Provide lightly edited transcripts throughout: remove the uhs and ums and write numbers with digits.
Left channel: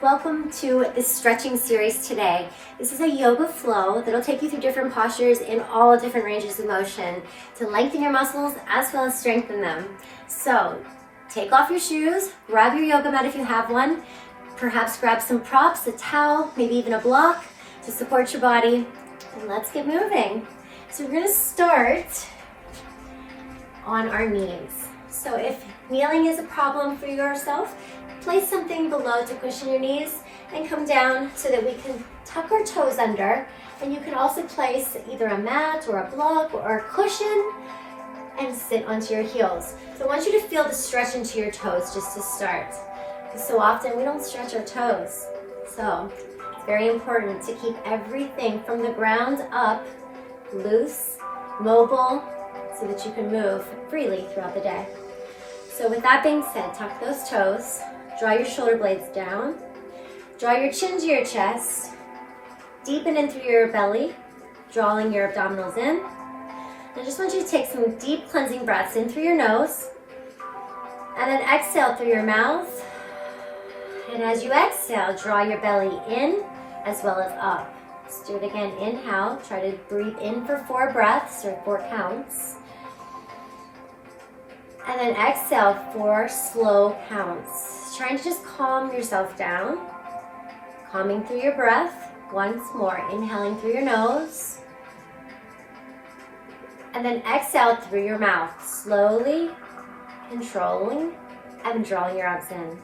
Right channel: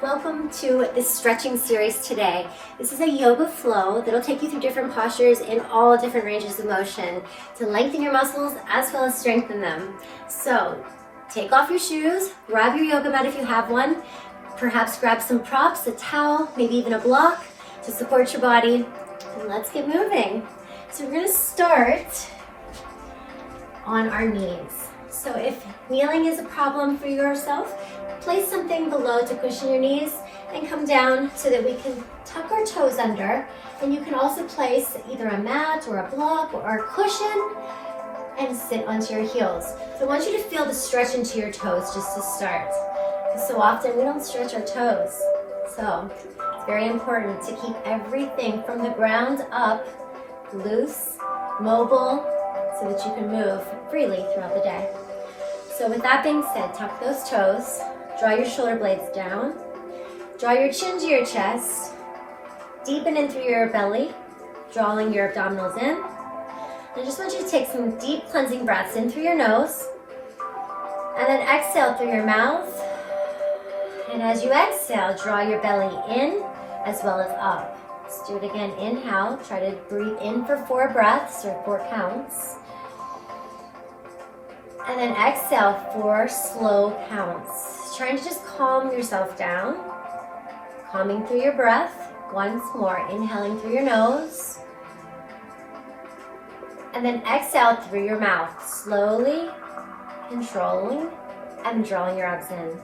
Welcome to this stretching series today. This is a yoga flow that'll take you through different postures in all different ranges of motion to lengthen your muscles as well as strengthen them. So take off your shoes, grab your yoga mat if you have one, perhaps grab some props, a towel, maybe even a block to support your body, and let's get moving. So we're going to start on our knees. So if kneeling is a problem for yourself, place something below to cushion your knees and come down so that we can tuck our toes under. And you can also place either a mat or a block or a cushion and sit onto your heels. So I want you to feel the stretch into your toes just to start. Because so often we don't stretch our toes. So it's very important to keep everything from the ground up loose, mobile, so that you can move freely throughout the day. So with that being said, tuck those toes. Draw your shoulder blades down. Draw your chin to your chest. Deepen in through your belly, drawing your abdominals in. I just want you to take some deep cleansing breaths in through your nose. And then exhale through your mouth. And as you exhale, draw your belly in as well as up. Let's do it again. Inhale. Try to breathe in for 4 breaths or 4 counts. And then exhale 4 slow counts. Trying to just calm yourself down. Calming through your breath. Once more, inhaling through your nose. And then exhale through your mouth. Slowly controlling and drawing your arms in.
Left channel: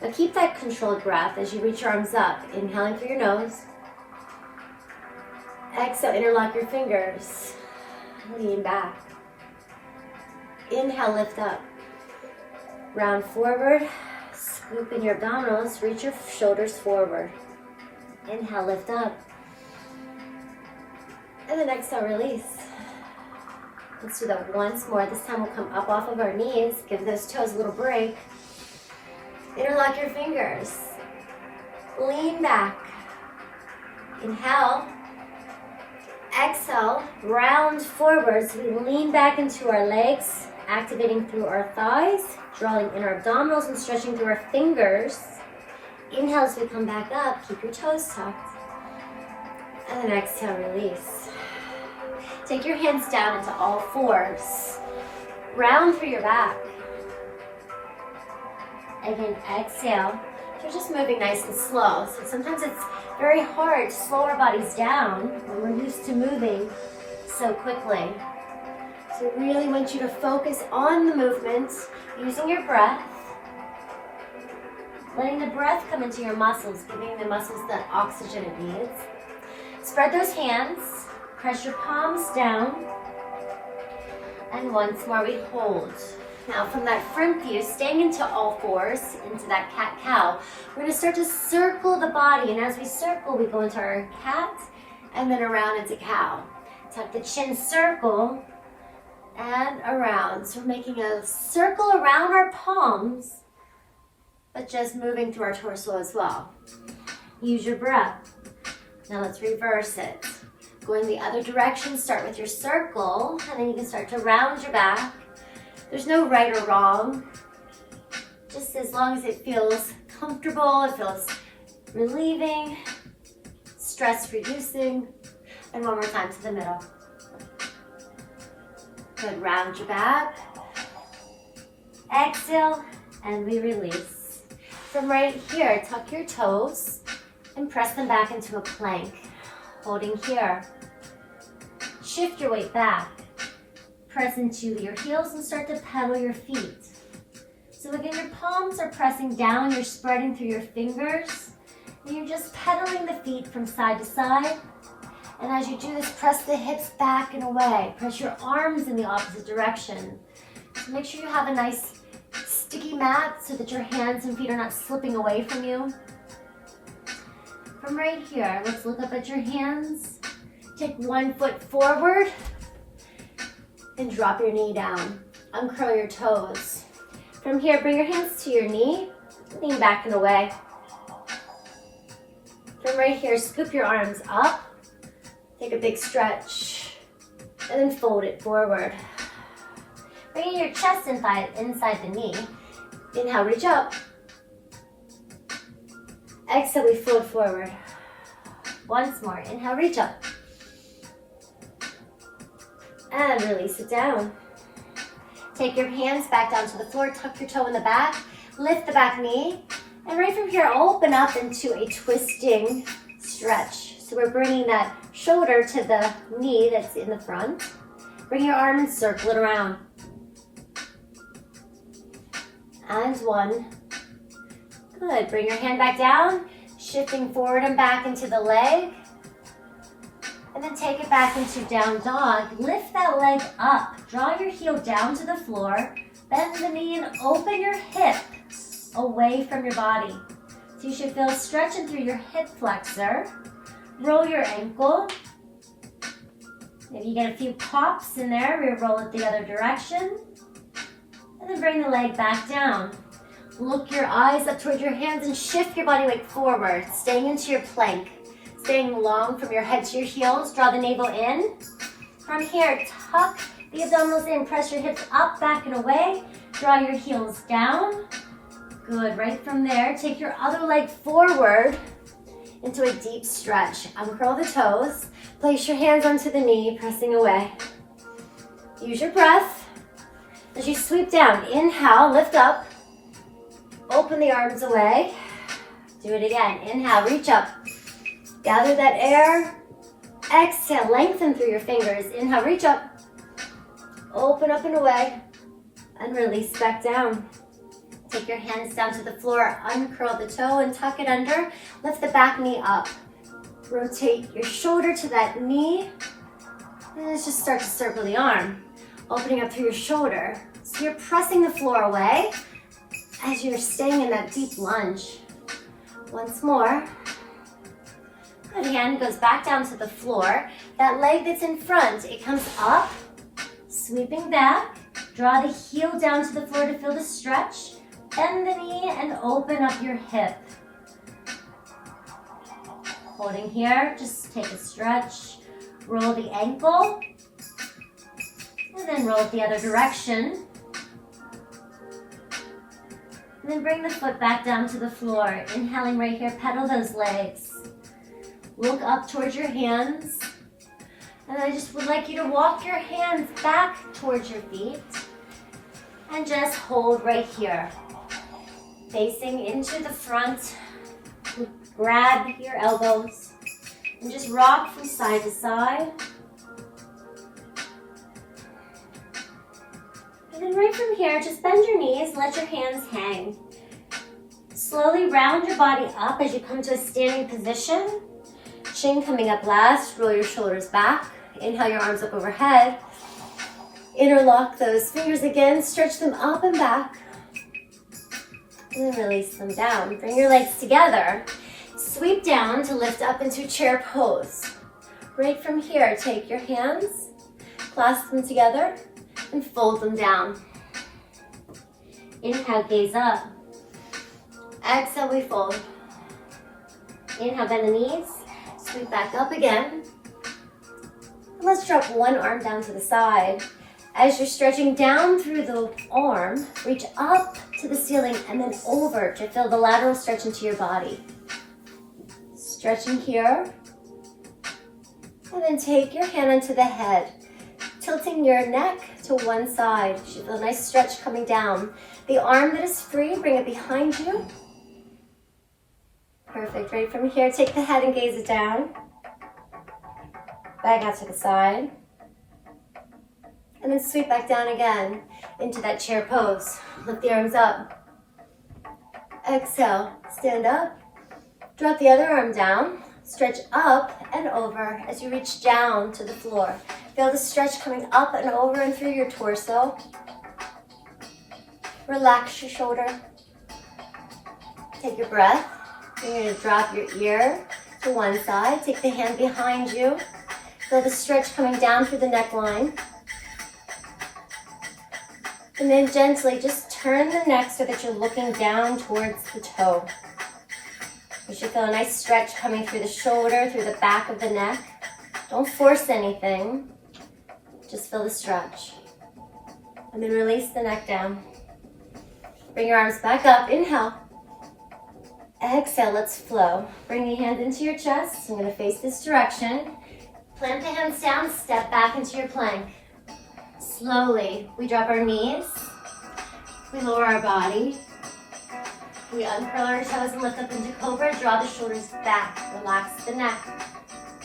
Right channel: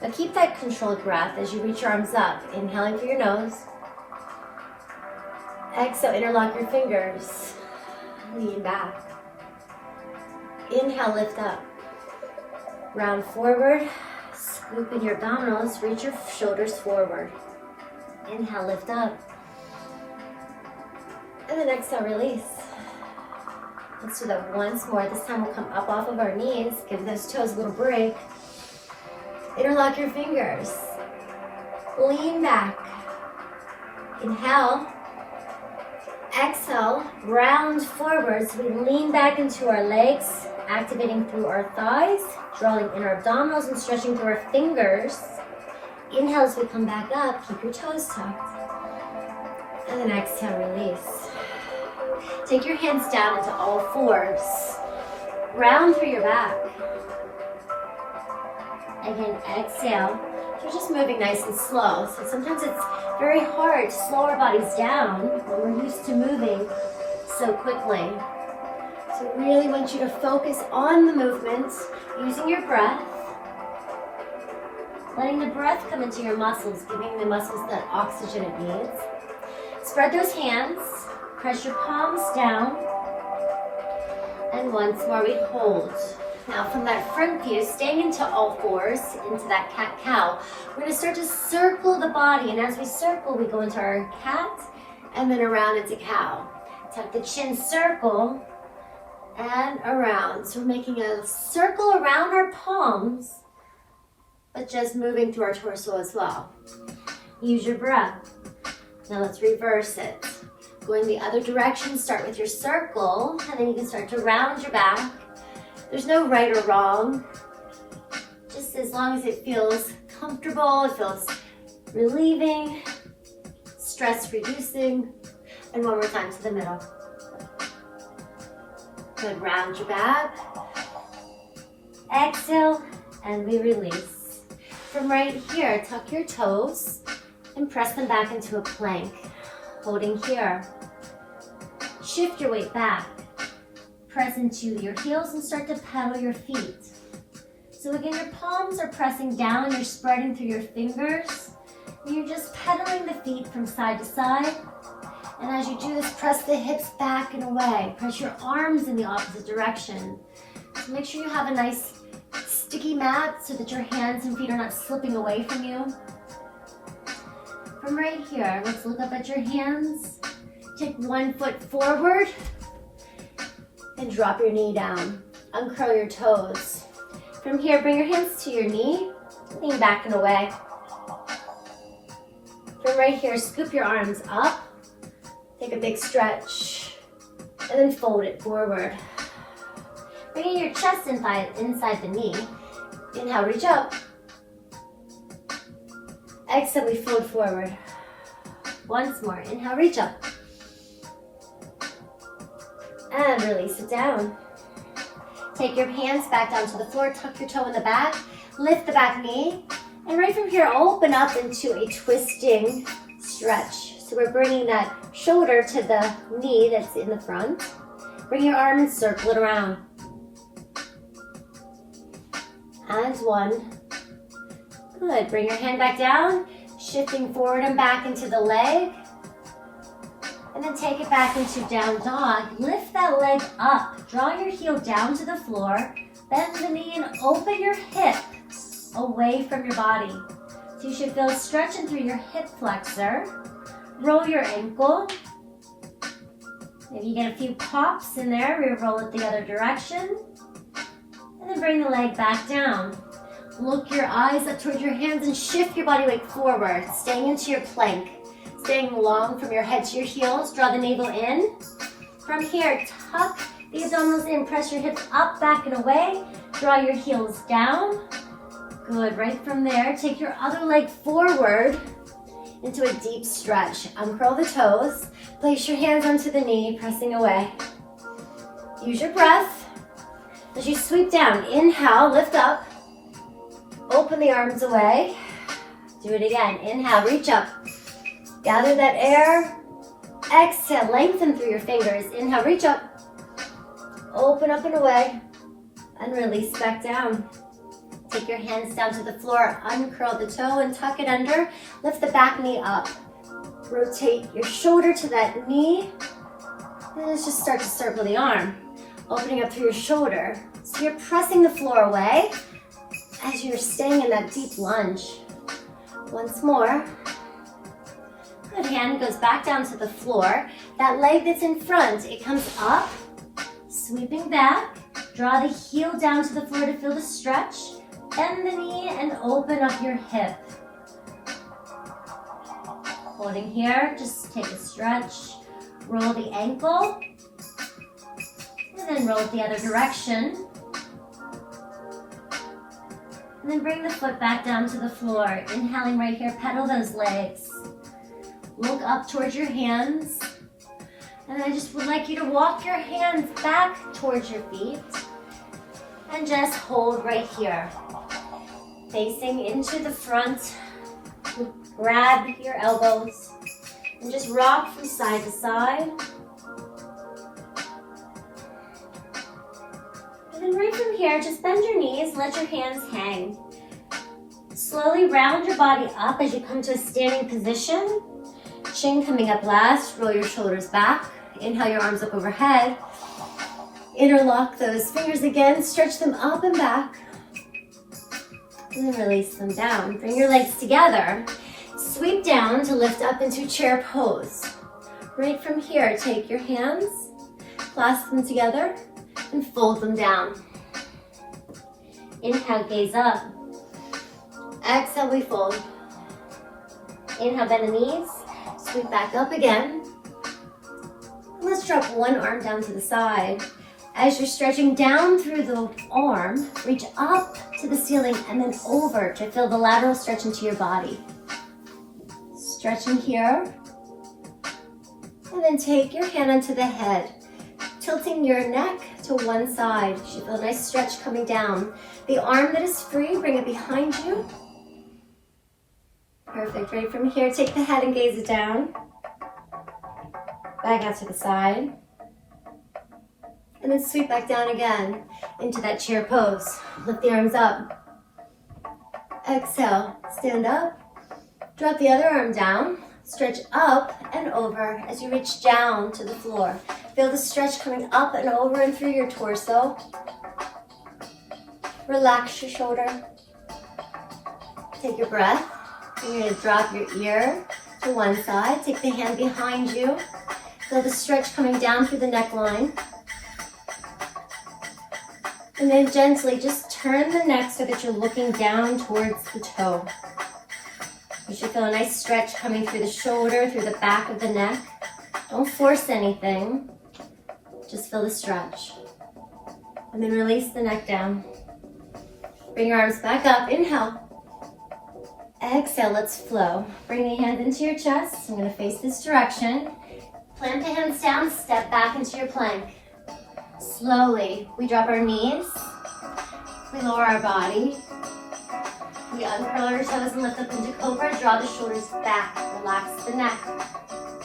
Now keep that controlled breath as you reach your arms up. Inhaling through your nose. Exhale, interlock your fingers. Lean back. Inhale, lift up. Round forward, scoop in your abdominals, reach your shoulders forward. Inhale, lift up. And then exhale, release. Let's do that once more. This time we'll come up off of our knees, give those toes a little break. Interlock your fingers. Lean back. Inhale. Exhale, round forward. So we lean back into our legs, activating through our thighs, drawing in our abdominals and stretching through our fingers. Inhale as we come back up, keep your toes tucked. And then exhale, release. Take your hands down into all fours. Round through your back. Again, exhale. You're just moving nice and slow. So sometimes it's very hard to slow our bodies down when we're used to moving so quickly. So I really want you to focus on the movement, using your breath, letting the breath come into your muscles, giving the muscles that oxygen it needs. Spread those hands, press your palms down, and once more we hold. Now from that front view, staying into all fours, into that cat-cow, we're going to start to circle the body, and as we circle, we go into our cat, and then around into cow. Tuck the chin, circle, and around. So we're making a circle around our palms, but just moving through our torso as well. Use your breath. Now let's reverse it. Going the other direction, start with your circle, and then you can start to round your back. There's no right or wrong. Just as long as it feels comfortable, it feels relieving, stress reducing. And one more time to the middle. Good, round your back. Exhale, and we release. From right here, tuck your toes and press them back into a plank. Holding here. Shift your weight back. Press into your heels and start to pedal your feet. So again, your palms are pressing down, you're spreading through your fingers. And you're just pedaling the feet from side to side. And as you do this, press the hips back and away. Press your arms in the opposite direction. So make sure you have a nice sticky mat so that your hands and feet are not slipping away from you. From right here, let's look up at your hands. Take one foot forward and drop your knee down. Uncurl your toes. From here, bring your hands to your knee. Lean back and away. right here, scoop your arms up, take a big stretch, and then fold it forward. Bringing your chest inside the knee. Inhale, reach up. Exhale, we fold forward. Once more, inhale, reach up. And release it down. Take your hands back down to the floor, tuck your toe in the back, lift the back knee, and right from here, open up into a twisting stretch. So we're bringing that shoulder to the knee that's in the front. Bring your arm and circle it around. And one. Good, bring your hand back down, shifting forward and back into the leg. And then take it back into down dog. Lift that leg up, draw your heel down to the floor, bend the knee and open your hip away from your body. So you should feel stretching through your hip flexor. Roll your ankle. Maybe you get a few pops in there, re-roll it the other direction. And then bring the leg back down. Look your eyes up towards your hands and shift your body weight forward, staying into your plank. Staying long from your head to your heels, draw the navel in. From here, tuck the abdominals in, press your hips up, back and away. Draw your heels down. Good, right from there, take your other leg forward into a deep stretch. Uncurl the toes, place your hands onto the knee, pressing away. Use your breath. As you sweep down, inhale, lift up. Open the arms away. Do it again, inhale, reach up. Gather that air. Exhale, lengthen through your fingers. Inhale, reach up. Open up and away. And release back down. Take your hands down to the floor. Uncurl the toe and tuck it under. Lift the back knee up. Rotate your shoulder to that knee. And let's just start to circle the arm. Opening up through your shoulder. So you're pressing the floor away as you're staying in that deep lunge. Once more. Good, hand goes back down to the floor. That leg that's in front, it comes up, sweeping back. Draw the heel down to the floor to feel the stretch. Bend the knee and open up your hip. Holding here, just take a stretch. Roll the ankle. And then roll it the other direction. And then bring the foot back down to the floor. Inhaling right here, pedal those legs. Look up towards your hands. And I just would like you to walk your hands back towards your feet. And just hold right here. Facing into the front. Grab your elbows. And just rock from side to side. And then right from here, just bend your knees, let your hands hang. Slowly round your body up as you come to a standing position. Chin coming up last, roll your shoulders back. Inhale your arms up overhead. Interlock those fingers again, stretch them up and back. And then release them down. Bring your legs together. Sweep down to lift up into chair pose. Right from here, take your hands, clasp them together, and fold them down. Inhale, gaze up. Exhale, we fold. Inhale, bend the knees. Sweep back up again. Let's drop one arm down to the side. As you're stretching down through the arm, reach up to the ceiling and then over to feel the lateral stretch into your body. Stretching here. And then take your hand onto the head, tilting your neck to one side. You should feel a nice stretch coming down. The arm that is free, bring it behind you. Perfect, right from here, take the head and gaze it down. Back out to the side. And then sweep back down again into that chair pose. Lift the arms up. Exhale, stand up. Drop the other arm down. Stretch up and over as you reach down to the floor. Feel the stretch coming up and over and through your torso. Relax your shoulder. Take your breath. You're going to drop your ear to one side. Take the hand behind you. Feel the stretch coming down through the neckline. And then gently just turn the neck so that you're looking down towards the toe. You should feel a nice stretch coming through the shoulder, through the back of the neck. Don't force anything. Just feel the stretch. And then release the neck down. Bring your arms back up. Inhale. Exhale, let's flow. Bring your hands into your chest. I'm going to face this direction. Plant the hands down, step back into your plank. Slowly, we drop our knees. We lower our body. We uncurl our toes and lift up into cobra. Draw the shoulders back. Relax the neck.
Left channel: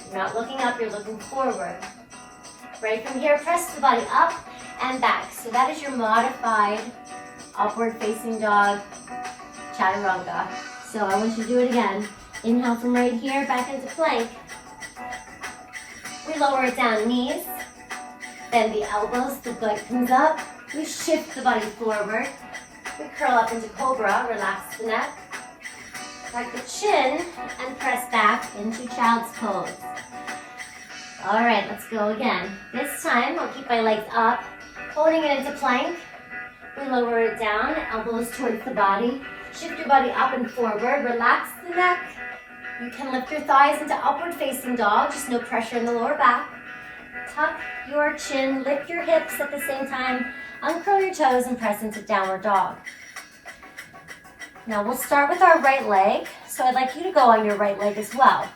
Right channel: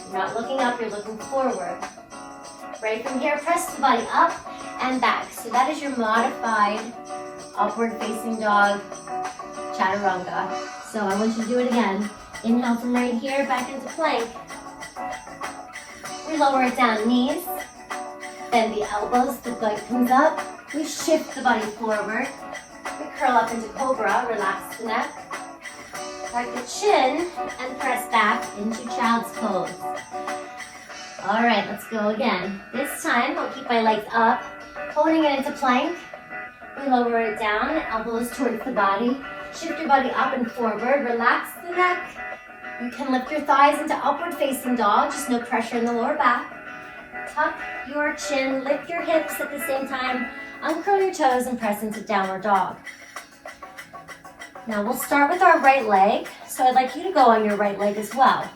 You're not looking up, you're looking forward. Right from here, press the body up and back. So that is your modified upward facing dog, Chaturanga. So I want you to do it again. Inhale from right here, back into plank. We lower it down, knees. Bend the elbows, the leg comes up. We shift the body forward. We curl up into cobra, relax the neck. Tuck the chin and press back into child's pose. All right, let's go again. This time, I'll keep my legs up, holding it into plank. We lower it down, elbows towards the body. Shift your body up and forward, relax the neck. You can lift your thighs into upward facing dog, just no pressure in the lower back. Tuck your chin, lift your hips at the same time, uncurl your toes and press into downward dog. Now we'll start with our right leg, so I'd like you to go on your right leg as well.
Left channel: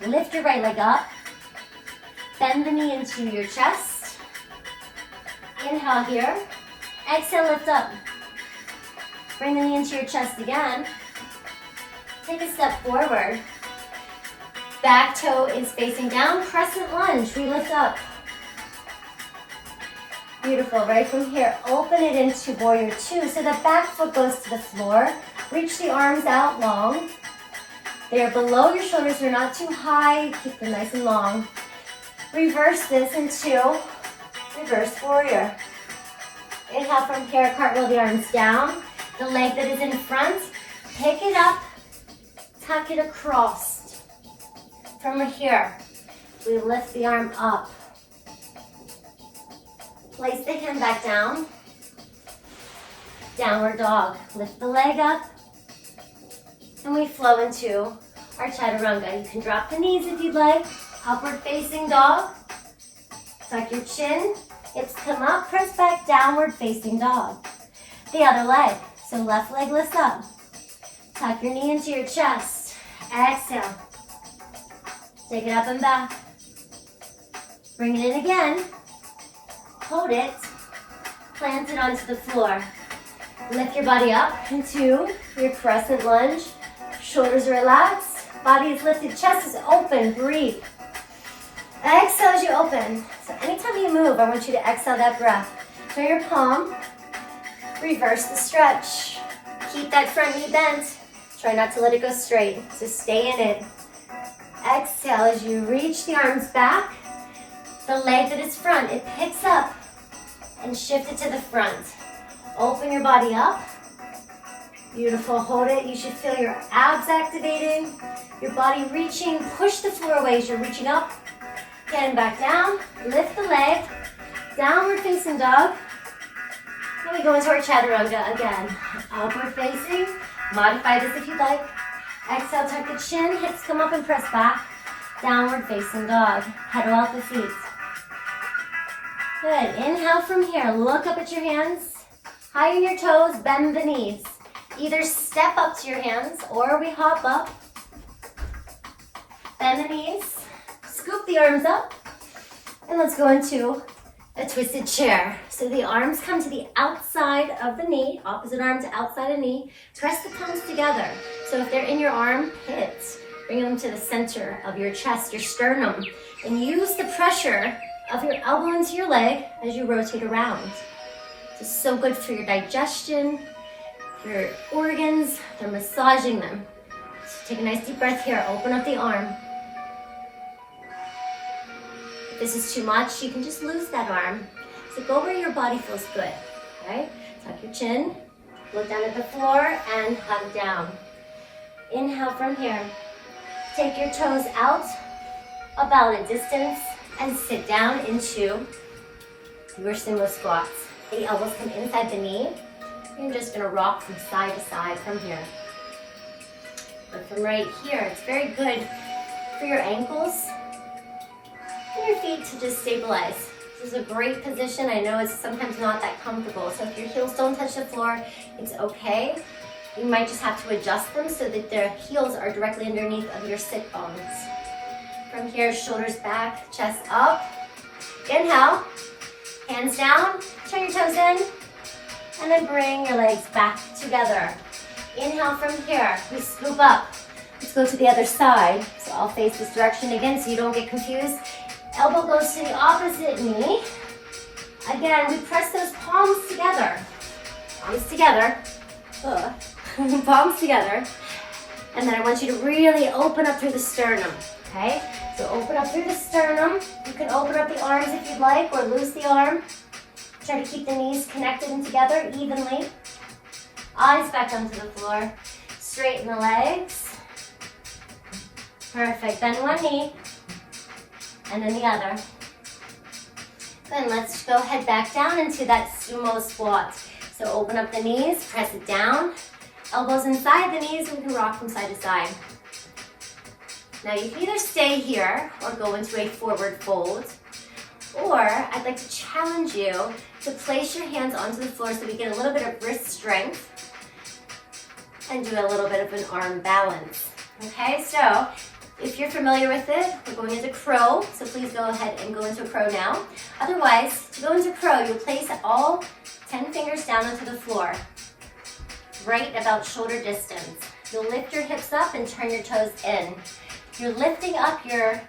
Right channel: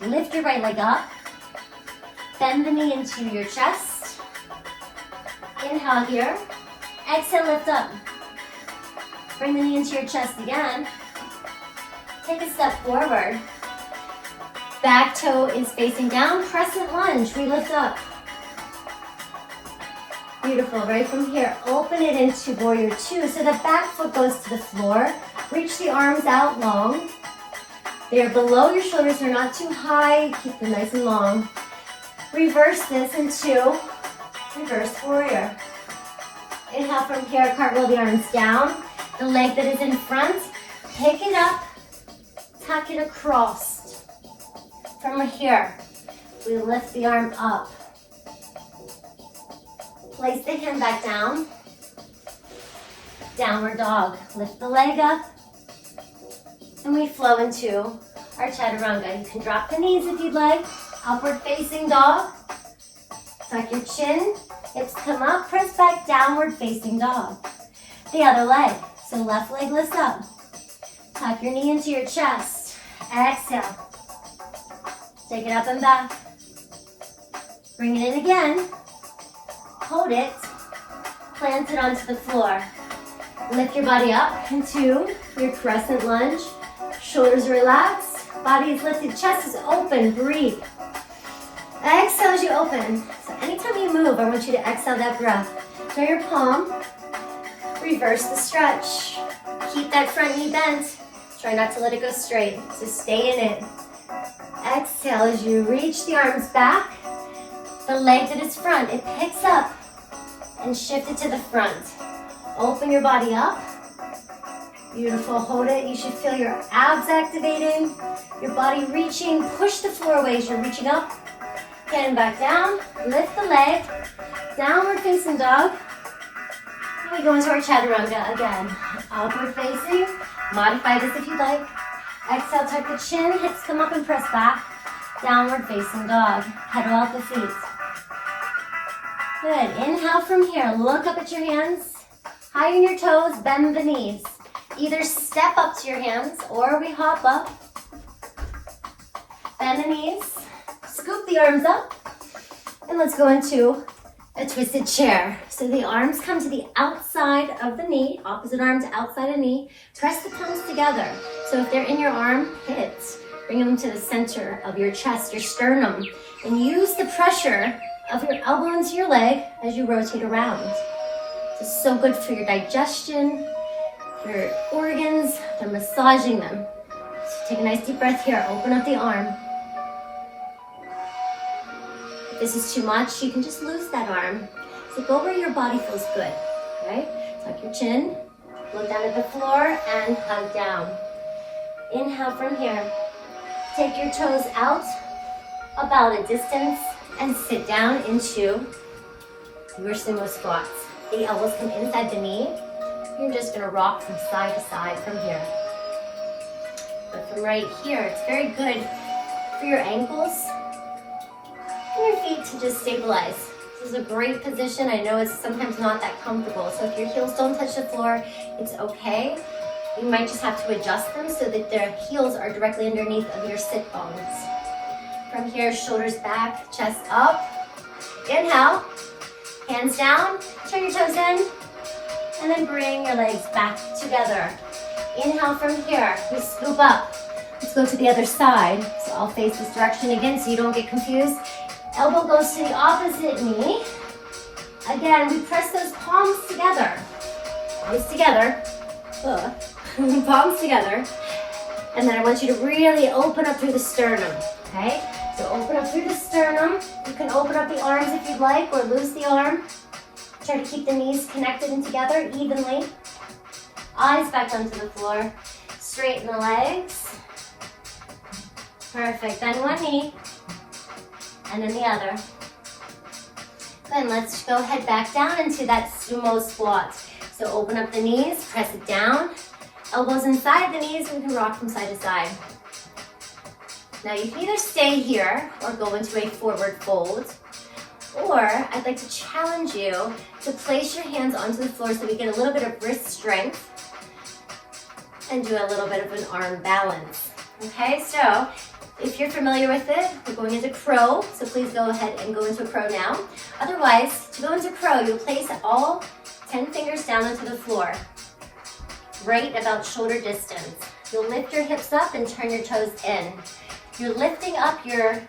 Lift your right leg up, bend the knee into your chest. Inhale here, exhale, lift up. Bring the knee into your chest again. Take a step forward. Back toe is facing down, crescent lunge, we lift up. Beautiful, right from here, open it into warrior two. So the back foot goes to the floor. Reach the arms out long. They are below your shoulders, they're not too high. Keep them nice and long. Reverse this into reverse warrior. Inhale from here, cartwheel the arms down. The leg that is in front, pick it up, tuck it across. From here, we lift the arm up. Place the hand back down. Downward dog. Lift the leg up. And we flow into our Chaturanga. You can drop the knees if you'd like. Upward facing dog. Tuck your chin. Hips come up. Press back. Downward facing dog. The other leg. So left leg lifts up. Tuck your knee into your chest. Exhale. Take it up and back. Bring it in again. Hold it. Plant it onto the floor. Lift your body up into your crescent lunge. Shoulders relaxed. Body is lifted. Chest is open. Breathe. Exhale as you open. So anytime you move, I want you to exhale that breath. Turn your palm. Reverse the stretch. Keep that front knee bent. Try not to let it go straight. So stay in it. Exhale as you reach the arms back. The leg that is front, it picks up and shift it to the front. Open your body up. Beautiful, hold it. You should feel your abs activating, your body reaching. Push the floor away as you're reaching up. Hand back down, lift the leg, downward facing dog. And we go into our Chaturanga again. Upward facing, modify this if you'd like. Exhale, tuck the chin, hips come up and press back. Downward facing dog, pedal out the feet. Good, inhale from here, look up at your hands. Highen your toes, bend the knees. Either step up to your hands or we hop up. Bend the knees, scoop the arms up, and let's go into a twisted chair. So the arms come to the outside of the knee, opposite arm to outside of knee. Press the palms together. So if they're in your armpits, bring them to the center of your chest, your sternum, and use the pressure of your elbow into your leg as you rotate around. This is so good for your digestion, your organs. They're massaging them. So take a nice deep breath here. Open up the arm. If this is too much, you can just lose that arm. So go where your body feels good, right? Tuck your chin, look down at the floor, and hug down. Inhale from here. Take your toes out about a distance and sit down into your Sumo Squats. The elbows come inside the knee. You're just gonna rock from side to side from here. But from right here, it's very good for your ankles and your feet to just stabilize. This is a great position. I know it's sometimes not that comfortable, so if your heels don't touch the floor, it's okay. You might just have to adjust them so that the heels are directly underneath of your sit bones. From here, shoulders back, chest up. Inhale, hands down, turn your toes in, and then bring your legs back together. Inhale from here, we scoop up. Let's go to the other side. So I'll face this direction again so you don't get confused. Elbow goes to the opposite knee. Again, we press those palms together. Palms together. Palms together. And then I want you to really open up through the sternum, okay? So open up through the sternum. You can open up the arms if you'd like, or loose the arm. Try to keep the knees connected and together evenly. Eyes back onto the floor. Straighten the legs. Perfect. Then one knee, and then the other. Then let's go head back down into that sumo squat. So open up the knees, press it down. Elbows inside the knees, and we can rock from side to side. Now you can either stay here or go into a forward fold. Or I'd like to challenge you to place your hands onto the floor so we get a little bit of wrist strength and do a little bit of an arm balance. Okay, so if you're familiar with it, we're going into crow, so please go ahead and go into crow now. Otherwise, to go into crow, you'll place all 10 fingers down onto the floor, right about shoulder distance. You'll lift your hips up and turn your toes in. You're lifting up your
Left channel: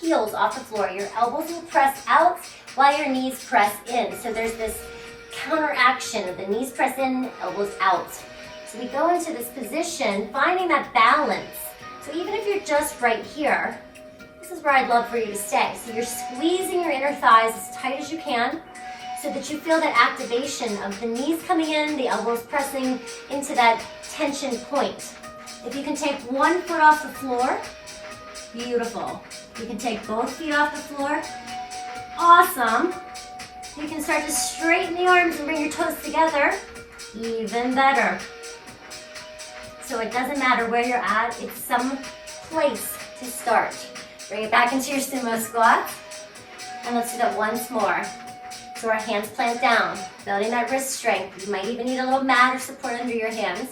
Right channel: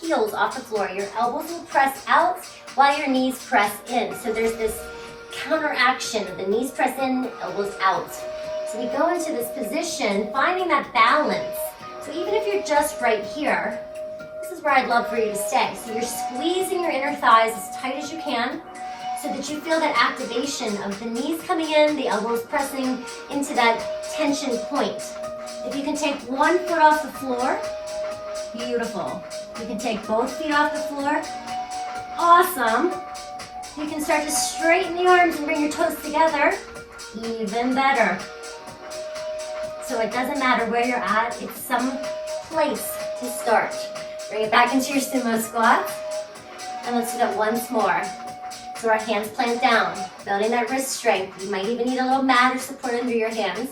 heels off the floor. Your elbows will press out while your knees press in. So there's this counteraction of the knees press in, elbows out. So we go into this position, finding that balance. So even if you're just right here, this is where I'd love for you to stay. So you're squeezing your inner thighs as tight as you can so that you feel that activation of the knees coming in, the elbows pressing into that tension point. If you can take one foot off the floor, beautiful. You can take both feet off the floor, awesome. You can start to straighten the arms and bring your toes together, even better. So it doesn't matter where you're at, it's some place to start. Bring it back into your sumo squat. And let's do that once more. So our hands plant down, building that wrist strength. You might even need a little mat or support under your hands.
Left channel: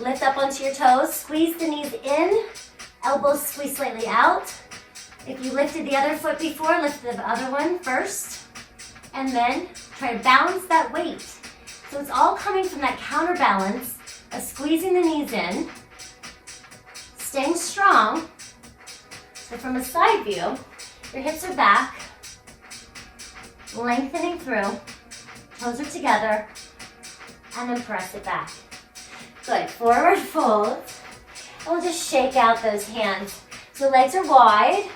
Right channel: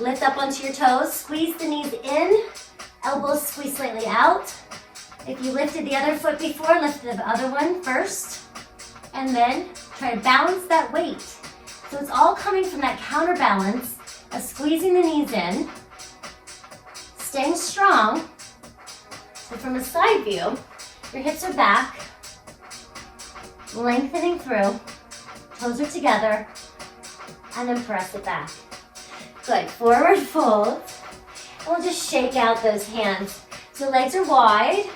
Lift up onto your toes, squeeze the knees in, elbows squeeze slightly out. If you lifted the other foot before, lift the other one first. And then try to balance that weight. So it's all coming from that counterbalance of squeezing the knees in, staying strong. So from a side view, your hips are back, lengthening through, toes are together, and then press it back. Good, forward fold. And we'll just shake out those hands. So legs are wide.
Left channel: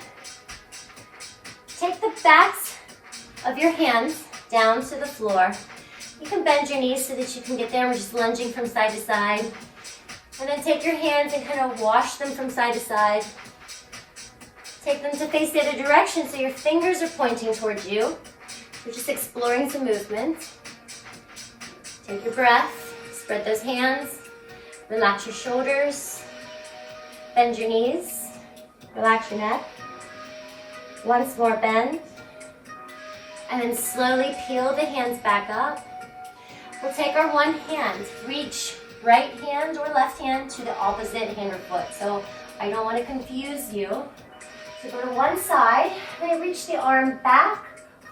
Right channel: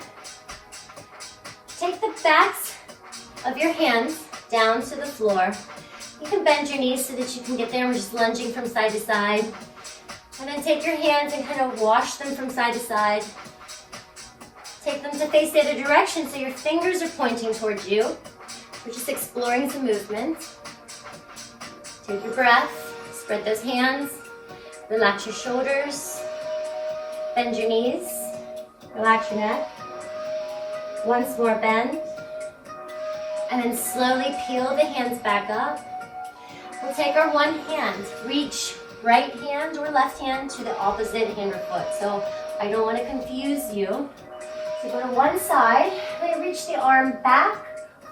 Take the backs of your hands down to the floor. You can bend your knees so that you can get there. We're just lunging from side to side. And then take your hands and kind of wash them from side to side. Take them to face the other direction so your fingers are pointing towards you. We're just exploring some movement. Take your breath, spread those hands, relax your shoulders, bend your knees, relax your neck. Once more bend, and then slowly peel the hands back up. We'll take our one hand, reach right hand or left hand to the opposite hand or foot. So I don't want to confuse you. So go to one side, and reach the arm back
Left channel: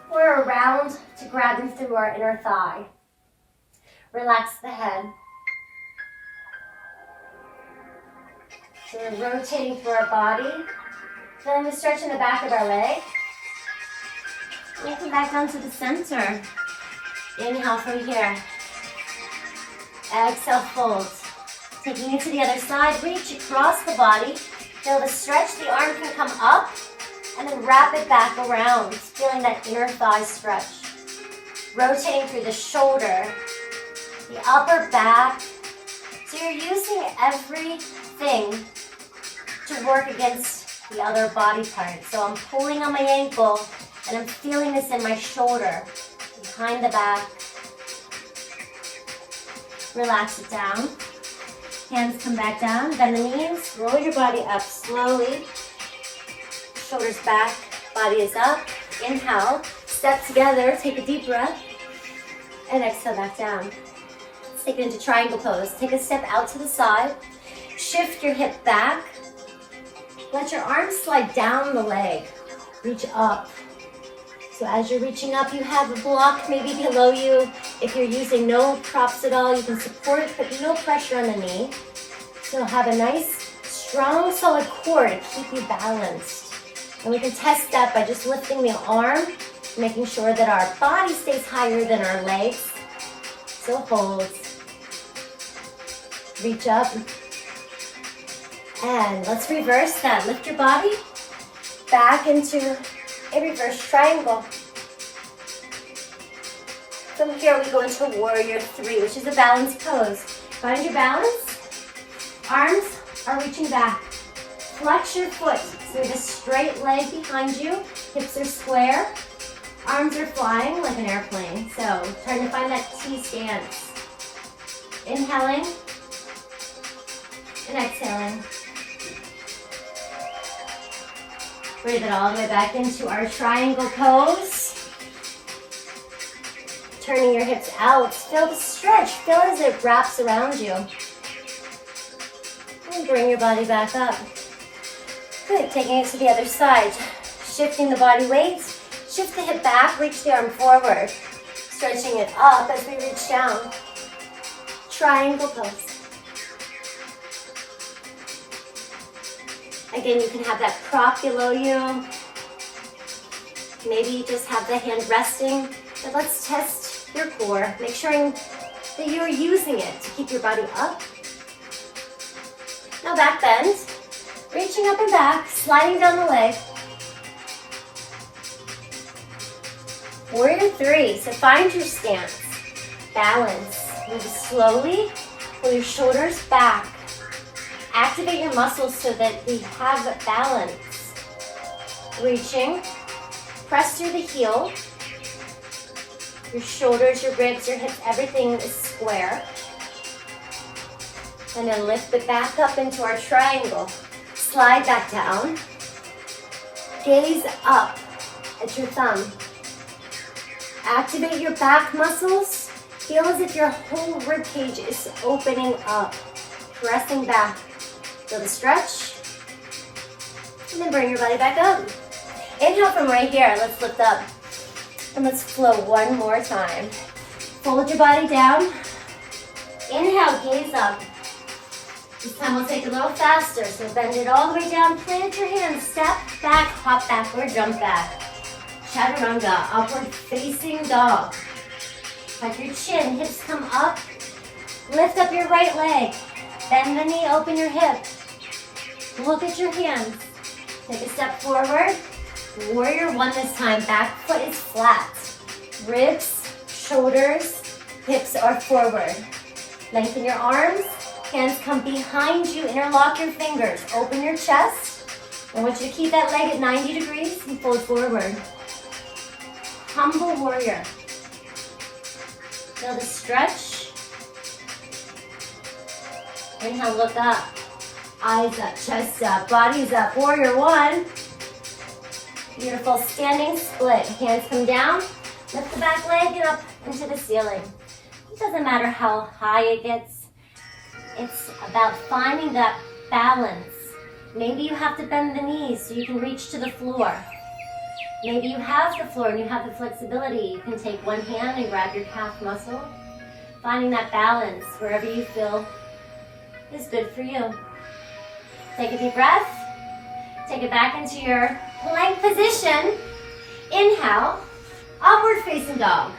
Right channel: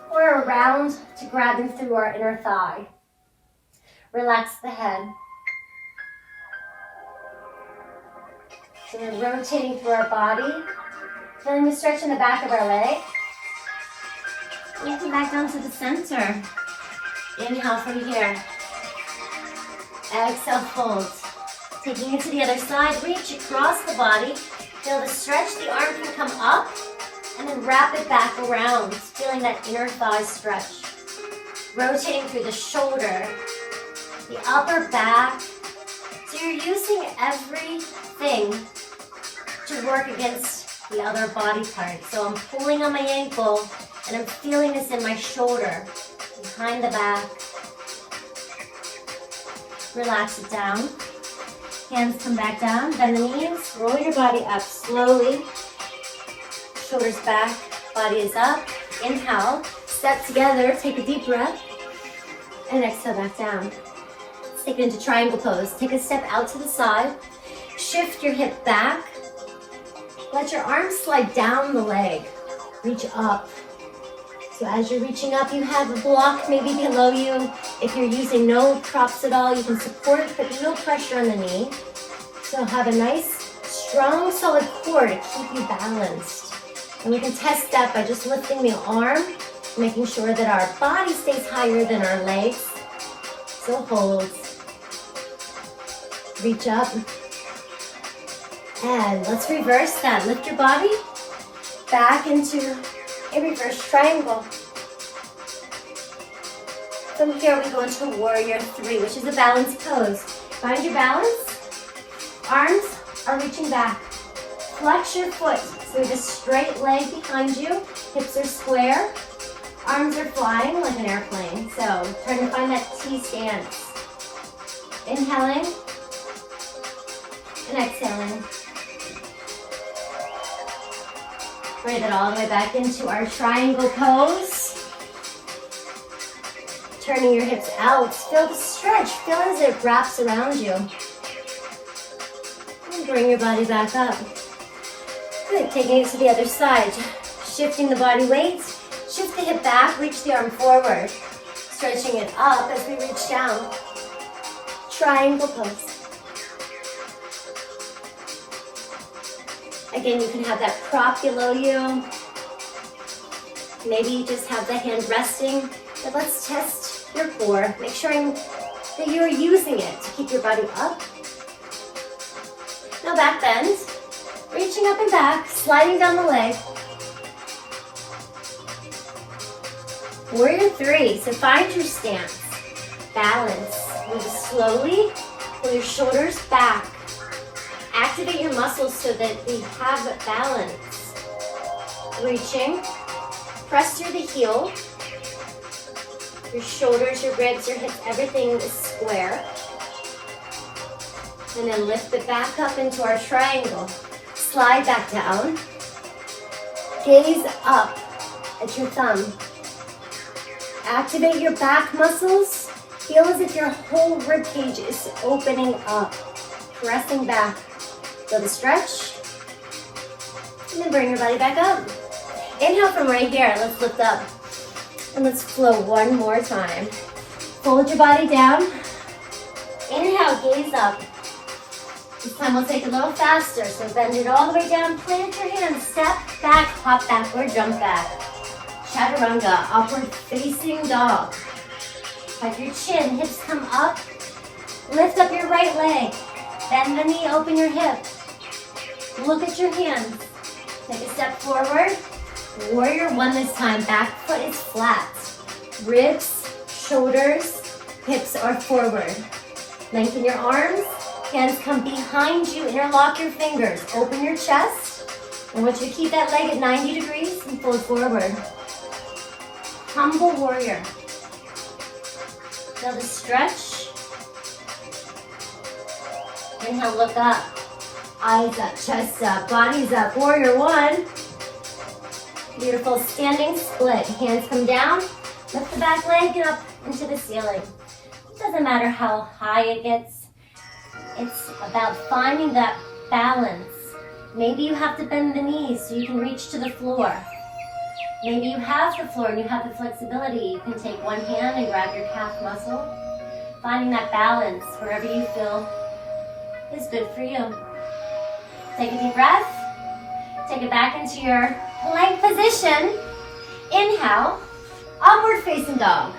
or around to grab them through our inner thigh. Relax the head. So we're rotating through our body. Then we stretch in the back of our leg. We come back down to the center. Inhale from here. Exhale, fold. Taking it to the other side, reach across the body. Feel the stretch, the arm can come up, and then wrap it back around, feeling that inner thigh stretch. Rotating through the shoulder, the upper back. So you're using everything to work against the other body part. So I'm pulling on my ankle, and I'm feeling this in my shoulder, behind the back. Relax it down. Hands come back down, bend the knees, roll your body up slowly. Shoulders back, body is up. Inhale, step together, take a deep breath, and exhale back down. Let's take it into triangle pose. Take a step out to the side, shift your hip back, let your arms slide down the leg, reach up. So as you're reaching up, you have a block maybe below you. If you're using no props at all, you can support, but no pressure on the knee. So have a nice, strong, solid core to keep you balanced. And we can test that by just lifting the arm, making sure that our body stays higher than our legs. So hold. Reach up. And let's reverse that. Lift your body back into a reverse triangle. From here we go into warrior 3, which is a balanced pose. Find your balance. Arms are reaching back. Flex your foot. So we have a straight leg behind you. Hips are square. Arms are flying like an airplane. So trying to find that T stance. Inhaling and exhaling. Bring it all the way back into our triangle pose. Turning your hips out. Feel the stretch. Feel as it wraps around you. And bring your body back up. Good. Taking it to the other side. Shifting the body weight. Shift the hip back. Reach the arm forward. Stretching it up as we reach down. Triangle pose. Again, you can have that prop below you. Maybe just have the hand resting. But let's test your core. Make sure that you're using it to keep your body up. No back bend. Reaching up and back, sliding down the leg. Warrior 3. So find your stance. Balance. Move slowly. Pull your shoulders back. Activate your muscles so that we have a balance. Reaching. Press through the heel. Your shoulders, your ribs, your hips, everything is square. And then lift it back up into our triangle. Slide back down. Gaze up at your thumb. Activate your back muscles. Feel as if your whole rib cage is opening up. Pressing back. Go to stretch. And then bring your body back up. Inhale from right here. Let's lift up. And let's flow one more time. Fold your body down. Inhale, gaze up. This time we'll take it a little faster. So bend it all the way down. Plant your hands. Step back, hop back, or jump back. Chaturanga, upward facing dog. Tuck your chin, hips come up. Lift up your right leg. Bend the knee, open your hip. Look at your hands. Take a step forward. Warrior 1 this time. Back foot is flat. Ribs, shoulders, hips are forward. Lengthen your arms. Hands come behind you. Interlock your fingers. Open your chest. I want you to keep that leg at 90 degrees and fold forward. Humble warrior. Feel the stretch. Inhale, look up. Eyes up, chest up, body's up. Warrior 1. Beautiful standing split. Hands come down. Lift the back leg and up into the ceiling. It doesn't matter how high it gets. It's about finding that balance. Maybe you have to bend the knees so you can reach to the floor. Maybe you have the floor and you have the flexibility. You can take one hand and grab your calf muscle. Finding that balance wherever you feel is good for you. Take a deep breath. Take it back into your plank position. Inhale, upward facing dog.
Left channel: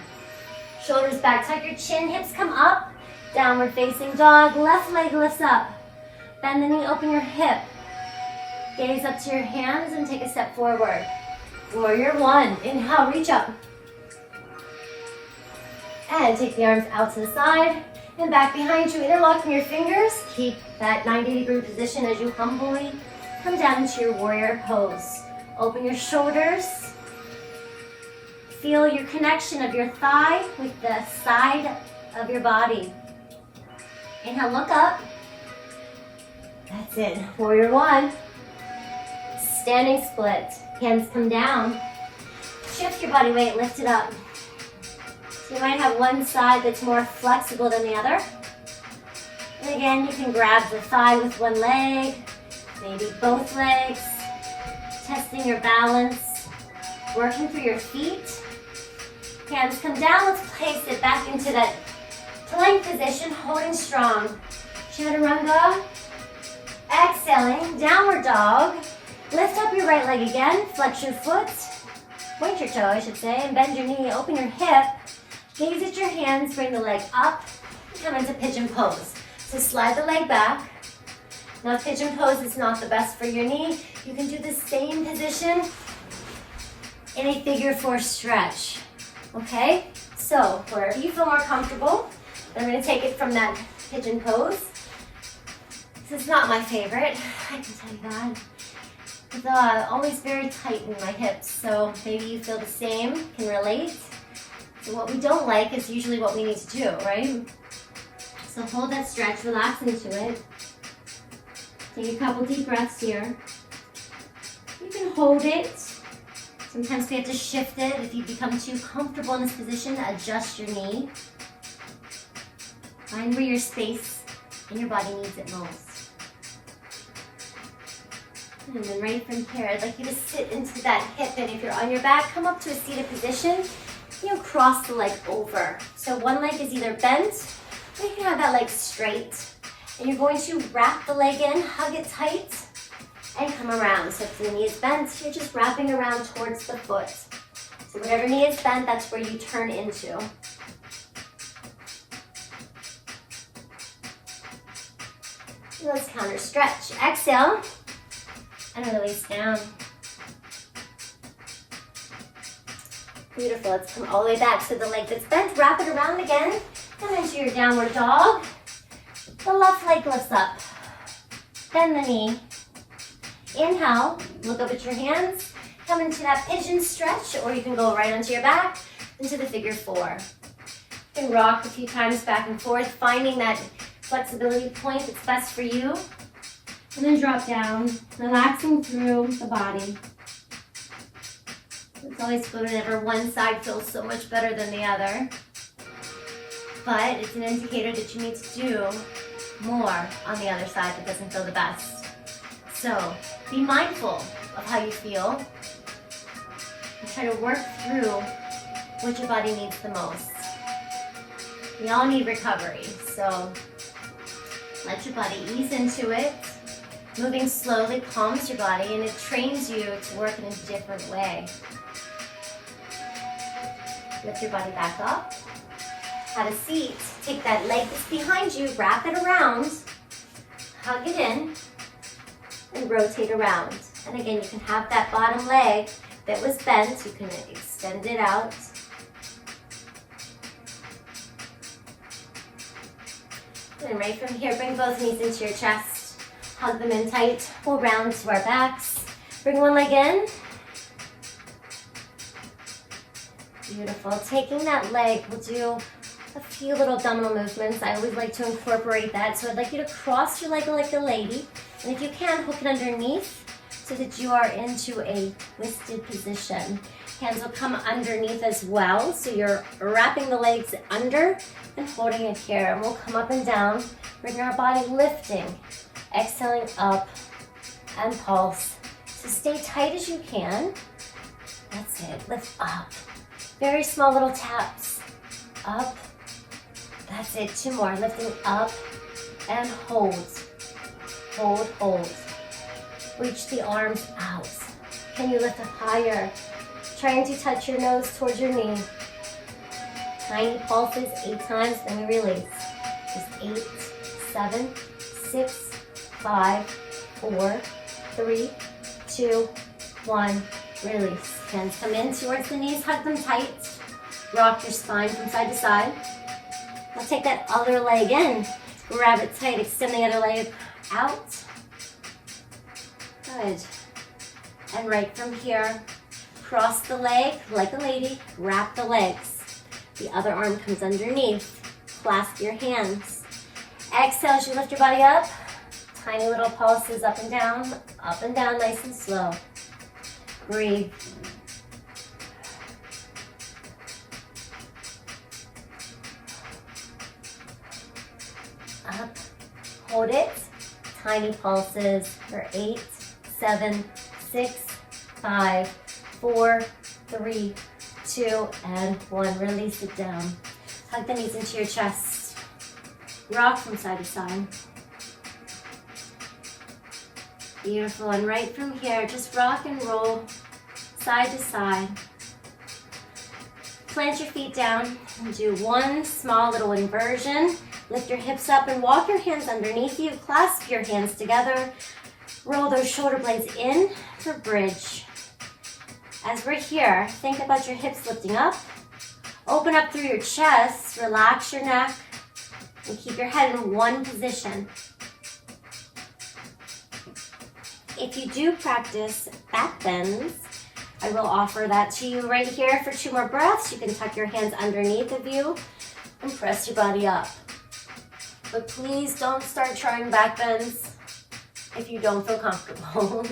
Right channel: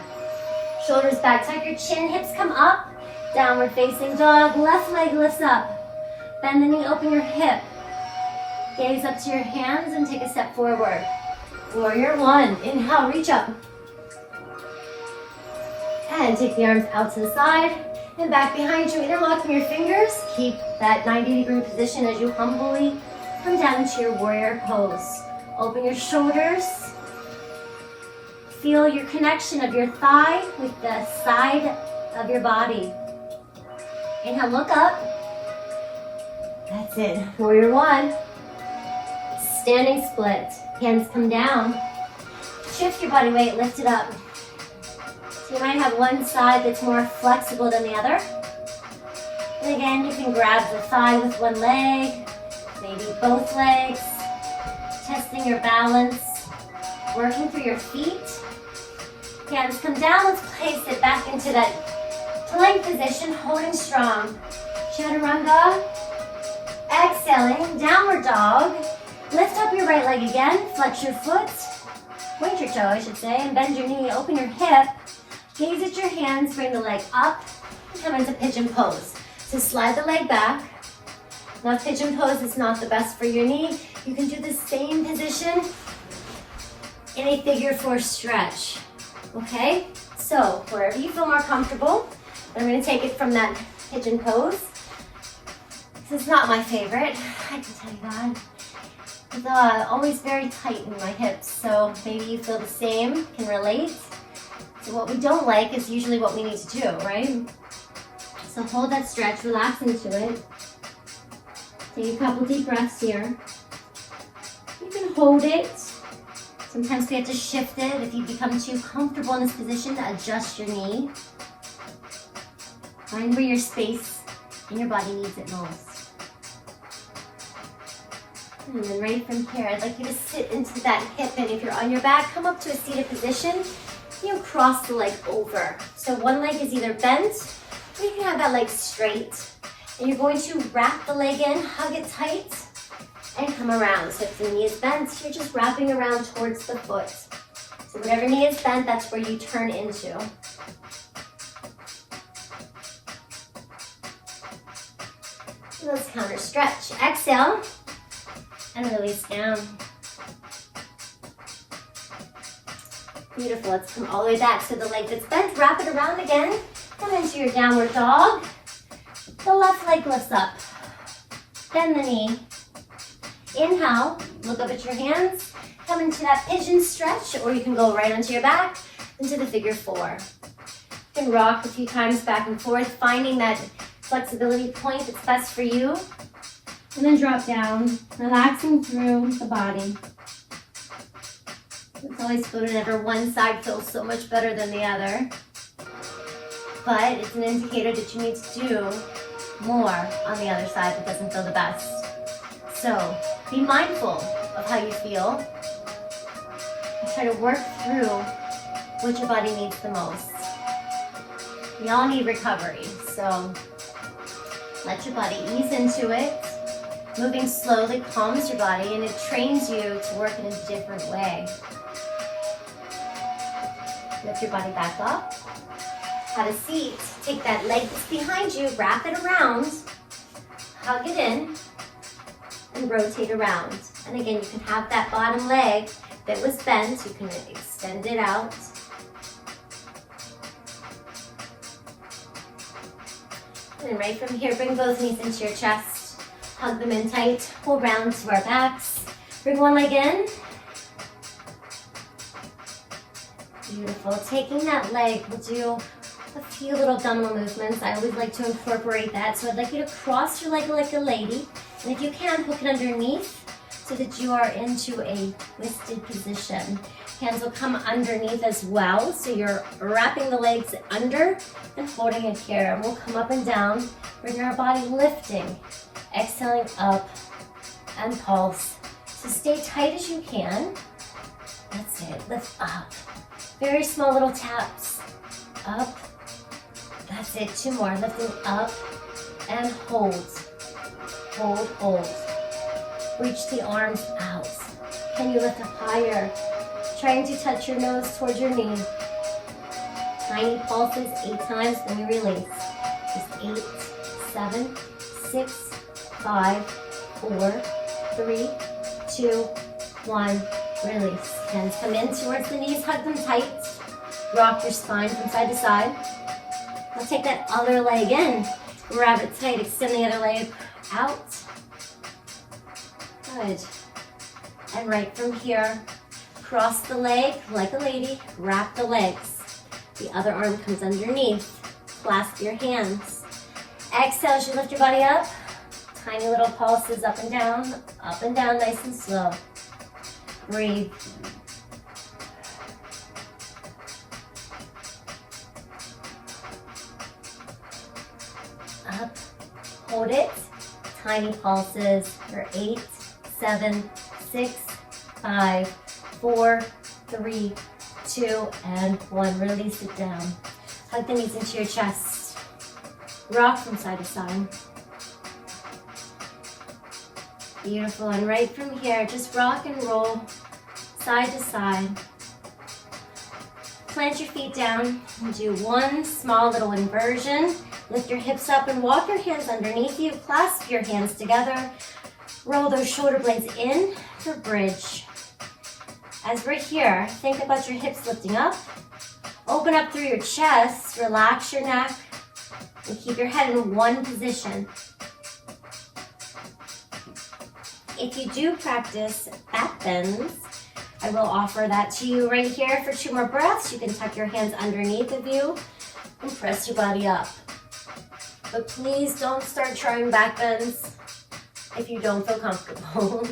Shoulders back, tuck your chin, hips come up. Downward facing dog, left leg lifts up. Bend the knee, open your hip. Gaze up to your hands and take a step forward. Warrior 1, inhale, reach up. And take the arms out to the side and back behind you, interlocking your fingers. Keep that 90-degree position as you humbly come down into your warrior pose. Open your shoulders. Feel your connection of your thigh with the side of your body. Inhale, look up. That's it. Warrior one. Standing split. Hands come down. Shift your body weight, lift it up. So you might have one side that's more flexible than the other. And again, you can grab the thigh with one leg, maybe both legs, testing your balance, working through your feet. Hands come down, let's place it back into that plank position, holding strong. Chaturanga. Exhaling, downward dog. Lift up your right leg again, flex your foot, point your toe I should say, and bend your knee, open your hip. Gaze at your hands, bring the leg up, and come into pigeon pose. So slide the leg back. Now pigeon pose is not the best for your knee. You can do the same position in a figure four stretch. Okay? So wherever you feel more comfortable, I'm going to take it from that pigeon pose. This is not my favorite, I can tell you that. It's always very tight in my hips, so maybe you feel the same, can relate. So what we don't like is usually what we need to do, right? So hold that stretch, relax into it. Take a couple deep breaths here. You can hold it. Sometimes we have to shift it. If you become too comfortable in this position, adjust your knee. Find where your space in your body needs it most. And then right from here, I'd like you to sit into that hip, and if you're on your back, come up to a seated position. You cross the leg over. So one leg is either bent, or you can have that leg straight. And you're going to wrap the leg in, hug it tight, and come around. So if the knee is bent, you're just wrapping around towards the foot. So whatever knee is bent, that's where you turn into. Let's counter stretch. Exhale. And release down. Beautiful. Let's come all the way back. So the leg that's bent, wrap it around again. Come into your downward dog. The left leg lifts up. Bend the knee. Inhale. Look up at your hands. Come into that pigeon stretch, or you can go right onto your back into the figure four. You can rock a few times back and forth, finding that flexibility point that's best for you. And then drop down, relaxing through the body. It's always good whenever one side feels so much better than the other. But it's an indicator that you need to do more on the other side that doesn't feel the best. So be mindful of how you feel. And try to work through what your body needs the most. We all need recovery, so let your body ease into it. Moving slowly calms your body, and it trains you to work in a different way. Lift your body back up. Have a seat. Take that leg that's behind you, wrap it around, hug it in, and rotate around. And again, you can have that bottom leg that was bent. You can extend it out. And right from here, bring both knees into your chest. Hug them in tight. We'll round to our backs. Bring one leg in. Beautiful. Taking that leg, we'll do a few little abdominal movements. I always like to incorporate that. So I'd like you to cross your leg like a lady. And if you can, hook it underneath so that you are into a twisted position. Hands will come underneath as well. So you're wrapping the legs under and holding it here. And we'll come up and down, bring our body lifting. Exhaling up and pulse. So stay tight as you can. That's it. Lift up. Very small little taps. Up. That's it. Two more. Lifting up and hold. Hold, hold. Reach the arms out. Can you lift up higher? Trying to touch your nose towards your knee. Tiny pulses 8 times, then we release. Just 8, 7, 6, 5, 4, 3, 2, 1, release. Hands come in towards the knees, hug them tight. Rock your spine from side to side. We'll take that other leg in. Grab it tight, extend the other leg out. Good. And right from here, cross the leg like a lady, wrap the legs. The other arm comes underneath. Clasp your hands. Exhale as you lift your body up. Tiny little pulses up and down, nice and slow. Breathe. Up, hold it. Tiny pulses for 8, 7, 6, 5, 4, 3, 2, and 1. Release it down. Hug the knees into your chest. Rock from side to side. Beautiful, and right from here, just rock and roll side to side. Plant your feet down and do one small little inversion. Lift your hips up and walk your hands underneath you. Clasp your hands together. Roll those shoulder blades in for bridge. As we're here, think about your hips lifting up. Open up through your chest, relax your neck, and keep your head in one position. If you do practice back bends, I will offer that to you right here for 2 more breaths. You can tuck your hands underneath of you and press your body up. But please don't start trying back bends if you don't feel comfortable.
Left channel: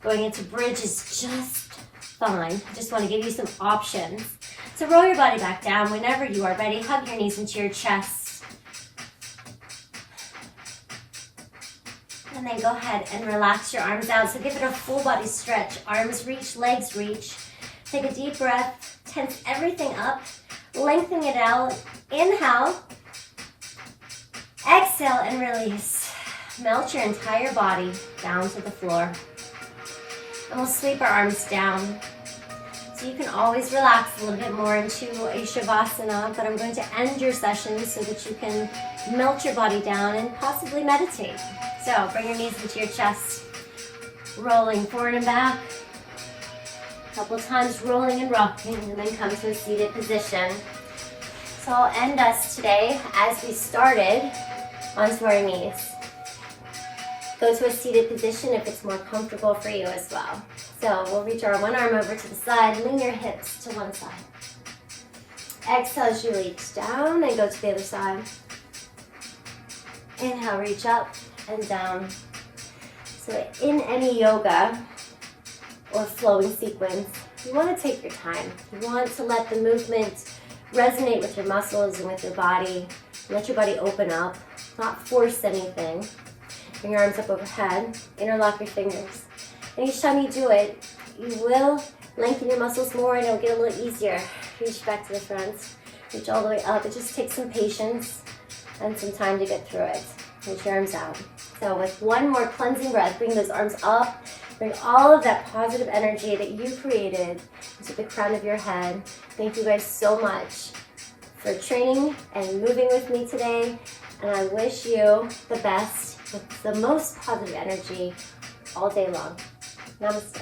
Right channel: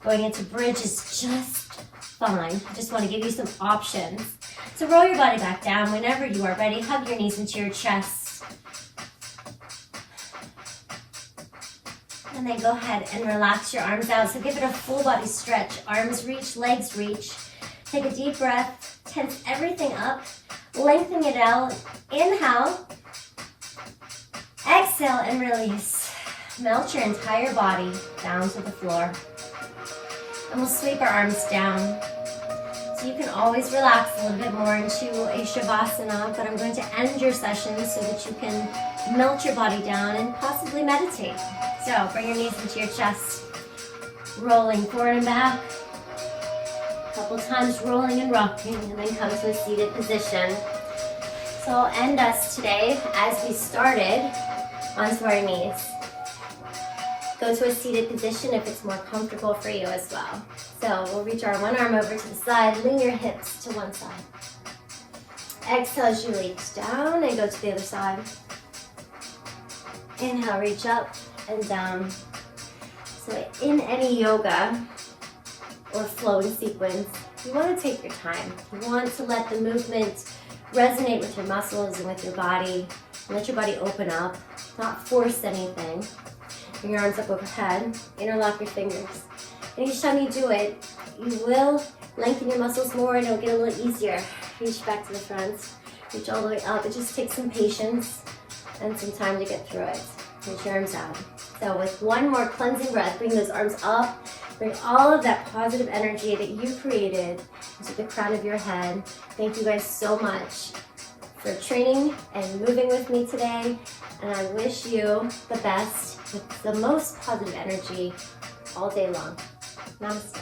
Going into bridge is just fine. I just want to give you some options. So roll your body back down whenever you are ready. Hug your knees into your chest. And then go ahead and relax your arms out. So give it a full body stretch. Arms reach, legs reach. Take a deep breath. Tense everything up. Lengthen it out. Inhale. Exhale and release. Melt your entire body down to the floor. And we'll sweep our arms down. So you can always relax a little bit more into a Shavasana, but I'm going to end your session so that you can melt your body down and possibly meditate. So bring your knees into your chest, rolling forward and back. A couple times rolling and rocking, and then come to a seated position. So I'll end us today as we started onto our knees. Go to a seated position if it's more comfortable for you as well. So we'll reach our one arm over to the side, lean your hips to one side. Exhale as you reach down and go to the other side. Inhale, reach up and down. So in any yoga or flowing sequence, you want to take your time. You want to let the movement resonate with your muscles and with your body. Let your body open up, not force anything. Bring your arms up overhead, interlock your fingers. And each time you do it, you will lengthen your muscles more and it'll get a little easier. Reach back to the front, reach all the way up. It just takes some patience and some time to get through it. Reach your arms out. So with one more cleansing breath, bring those arms up. Bring all of that positive energy that you created into the crown of your head. Thank you guys so much for training and moving with me today. And I wish you the best with the most positive energy all day long. Namaste.